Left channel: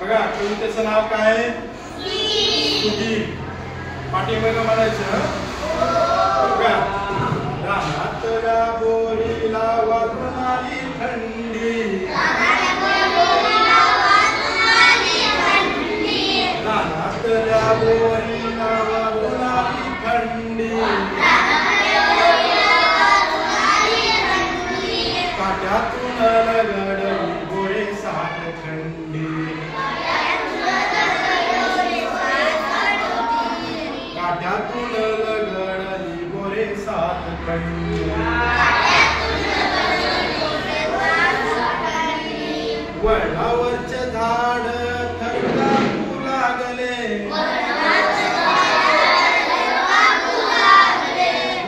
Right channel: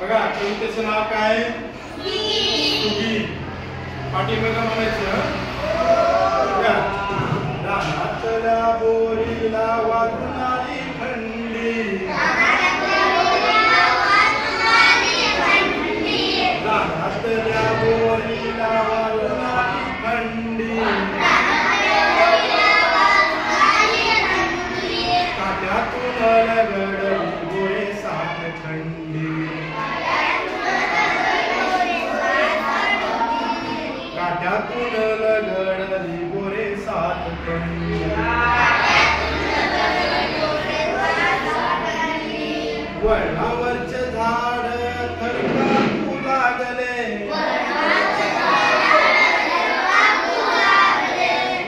बघा कवितेचं नाव काय? सुगी. पाठीमागे म्हणायचं बघा, रानातल्या बोरीला वाजून आली थंडी, रानातल्या बोरीला वाजून आली थंडी, काट्यातून लगडली गोरे सात खंडी, काट्यातून लगडली गोरे सात खंडी, वळणावरचे झाड थरकापू लागले,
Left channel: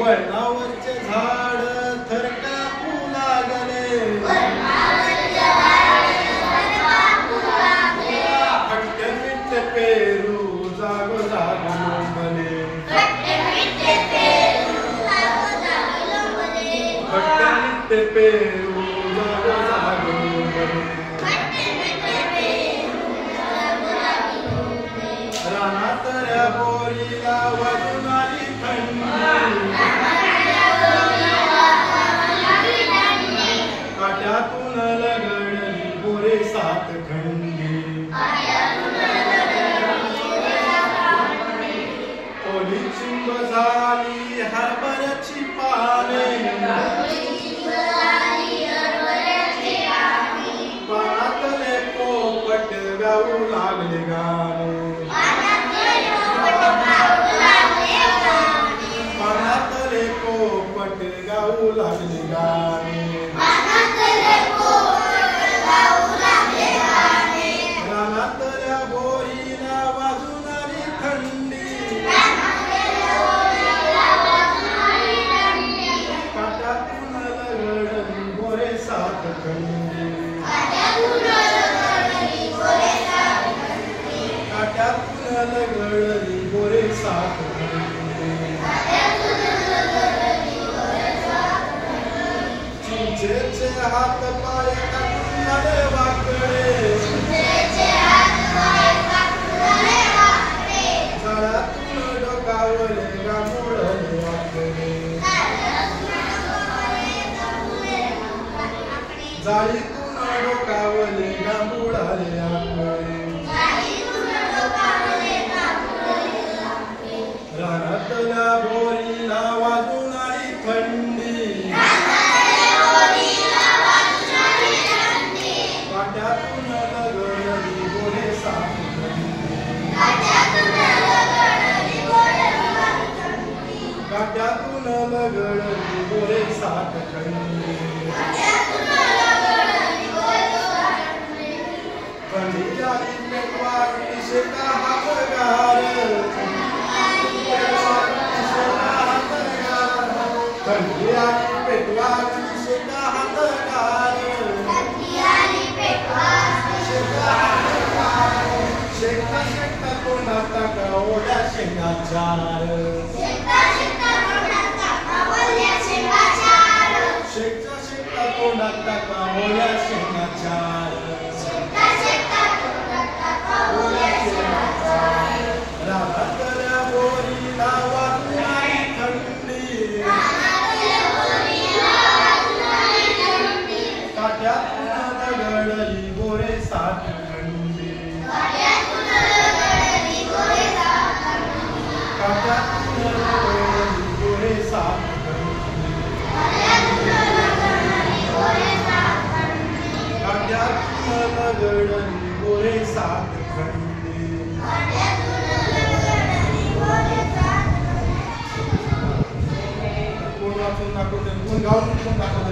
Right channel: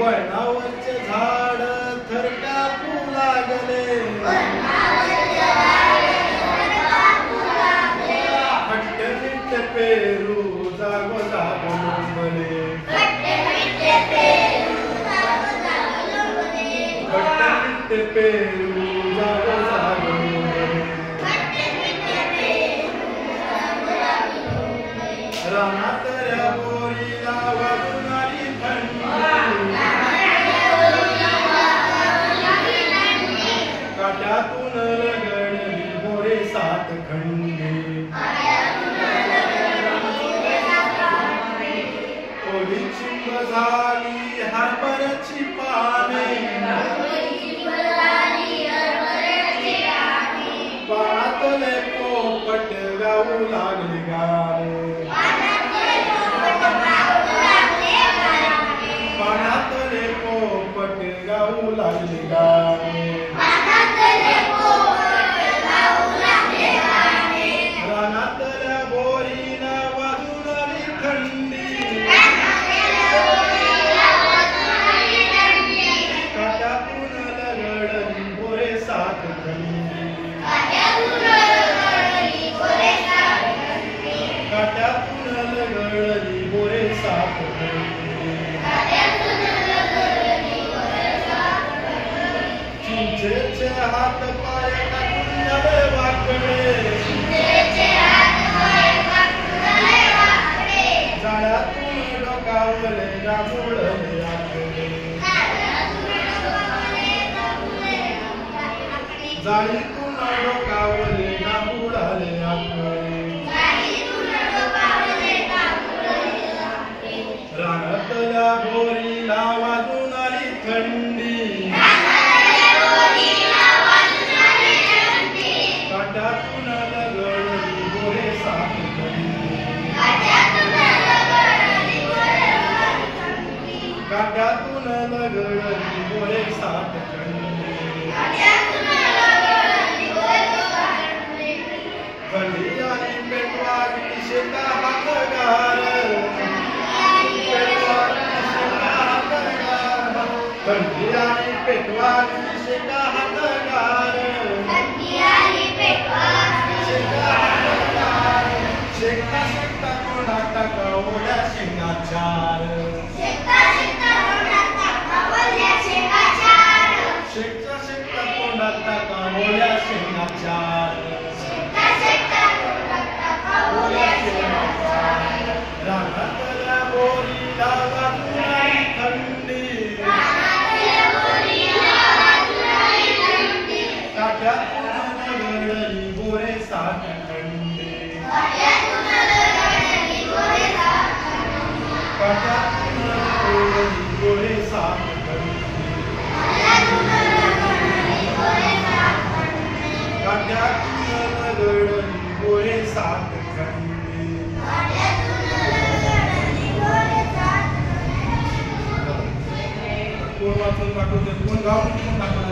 वळणावरचे झाड थरकापू लागले, खट्टे मिठ्ठे पेरू जाग जाग लोंबले, खट्टे मिठ्ठे पेरू जाग जाग लोंबले, रानातल्या बोरीला वाजून आली थंडी, काट्यातून लगडली गोरे सात खंडी, ओली चिंब झाली हरभऱ्याची पाने, पानातले पोपट गाऊ लागले गाणे, पानातले पोपट गाऊ लागले गाणे, रानातल्या बोरीला वाजून आली थंडी, काट्यातून लगडली गोरे सात खंडी, काट्यातून लगडली गोरे सात खंडी, चिंचेचे हात पाय टाकून झाले वाकडे, झाडातून डोकावले रामुळले आकडे, जाळीतून डोकावले रामुळले आकडे, रानातल्या बोरीला वाजून आली थंडी, काट्यातून लगडली गोरे सात खंडी, काट्यातून लगडली गोरे सात खंडी, खंडी आली पेटवाली शेता हातगार, खंडी आली पेटवाली शेता हातगार, शेका शेका कोणा टाका ओल्या शेंगाचार, शेका शेका कोणा टाका ओल्या शेंगाचार, रानातल्या बोरीला वाजून आली थंडी, काट्यातून लगडली गोरे सात खंडी, काट्यातून लगडली गोरे सात खंडी, काट्यातून लगडली गोरे सात खंडी, कोण वाचून दाखवते, कोण गाऊन दाखवते.